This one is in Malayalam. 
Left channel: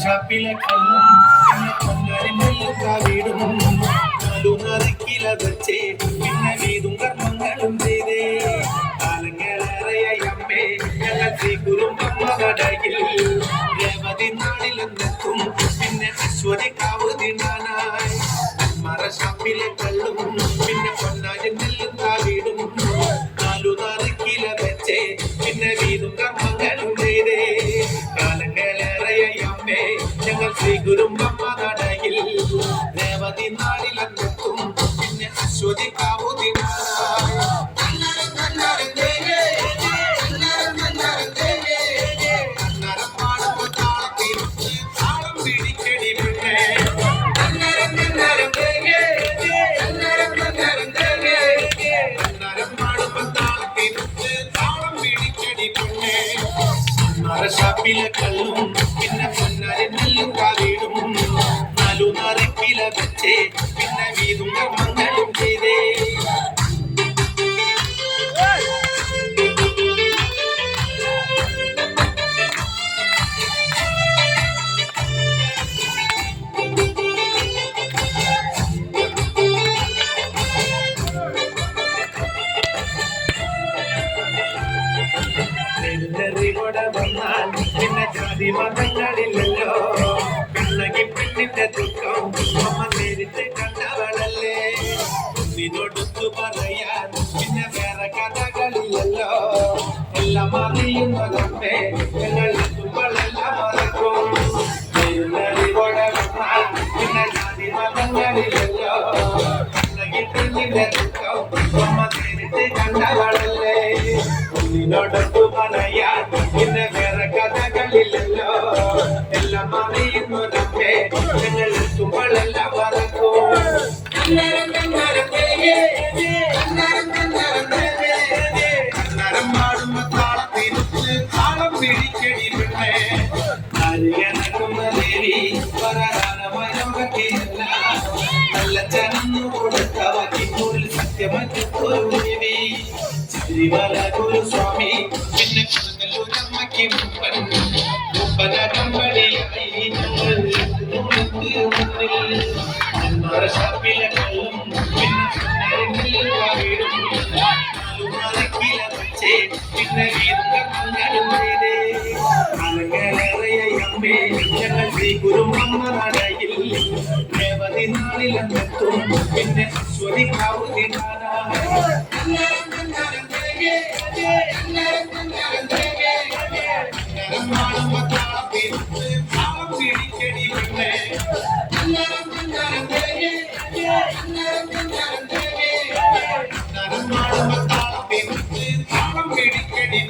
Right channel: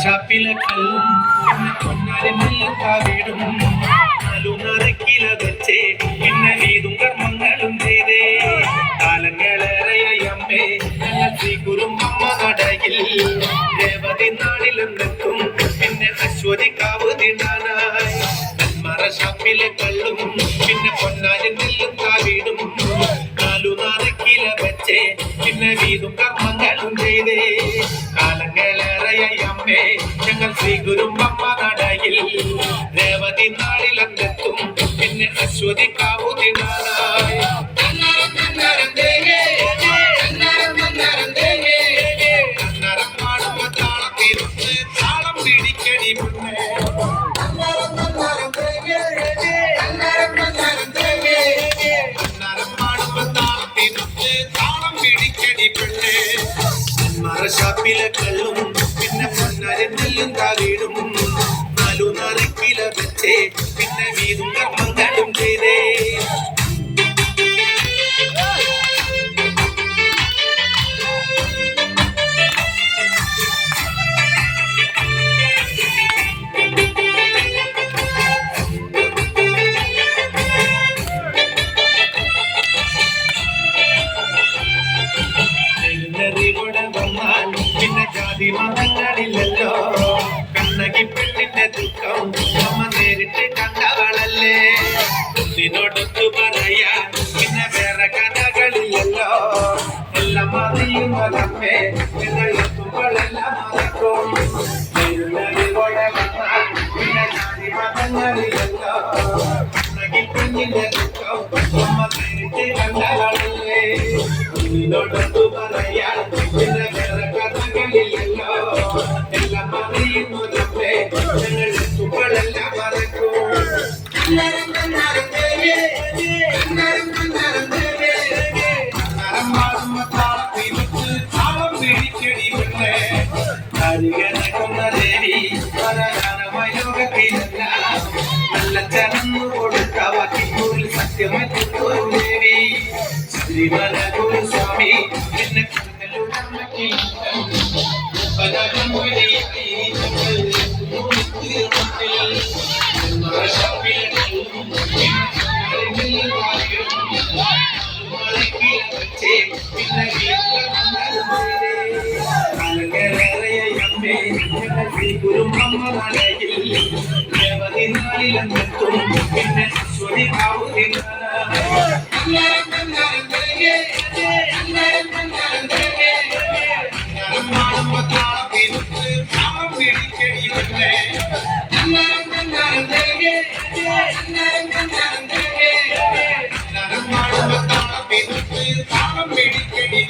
ഷാപ്പിലെ കല്ലും പിന്നെ പൊന്നാരി നെല്ലും കാവിടും നലുനറുക്കില വെച്ചേ പിന്നെ വീതും കർമ്മങ്ങളും ചെയ്തേ കാലങ്ങളേറെയായി അമ്മേ ഞങ്ങൾ ശ്രീ കുറുമ്പമ്മ കടയിൽ രേവതി നാളിലെന്നെത്തും പിന്നെ അശ്വതി കാവ് തിന്നാനായി ഷാപ്പിലെ കള്ളും പിന്നെ പൊന്നാരി നെല്ലും കാവിടും നലുനറുക്കില വെച്ചേ പിന്നെ വീതും കർമ്മങ്ങളും ചെയ്തേ കാലങ്ങളേറെയായി അമ്മേ ഞങ്ങൾ ശ്രീ കുറുമ്പമ്മ നടയിൽ രേവതി നാളിലെന്നെത്തും പിന്നെ അശ്വതി കാവു തിന്നാനായി താളം പിടിക്കടി പിന്നെ ഷാപ്പിലെ കല്ലും പിന്നെ പൊന്നാരി നെല്ലും കാവിടും നലുനറുക്കില വെച്ചേ പിന്നെ വീതും കർമ്മങ്ങളും ചെയ്തേ പിന്നെ ജാതി മതങ്ങളില്ലല്ലോ കണ്ണകി പെണ്ണിന്റെ ദുഃഖം അമ്മ നേരിട്ട് കണ്ടവളല്ലേ നിന്നോടൊത്തു പറയാൻ പിന്നെ വേറെ കഥകളില്ലല്ലോ എല്ലാം അറിയുന്നതമ്മേ ഞങ്ങൾ എത്തുമ്പോഴെല്ലാം മറക്കും നെരുന്നടിയോടെ വന്നാൽ പിന്നെ ജാതി മതങ്ങളില്ലല്ലോ കണ്ണകി പെണ്ണിന്റെ ദുഃഖം അമ്മ നേരിട്ട് കണ്ടവളല്ലേ നിന്നോടൊത്തു പറയാൻ പിന്നെ വേറെ കഥകളില്ലല്ലോ എല്ലാം അറിയുന്നതമ്മേ ഞങ്ങൾ എത്തുമ്പോഴെല്ലാം മറക്കും പാടുമ്പോ താളത്തിനൊത്ത് താളം പിടിക്കടി പെണ്ണേ അരികണക്കുന്ന ദേവി പരകാലമായ ലോകത്തിലല്ല നല്ല ചനന്നു കൊടുത്ത വാക്കിനൂരിൽ സത്യമാറ്റൊരു ദേവി ശബരിമല ഗുരുസ്വാമി പിന്നെ പിന്നെ ഞങ്ങൾ ശ്രീ കുറുമ്പമ്മ നടയിൽ രേവതി നാളിലെന്നെത്തും പിന്നെ അശ്വതി കാവു താളം പിടിക്കടി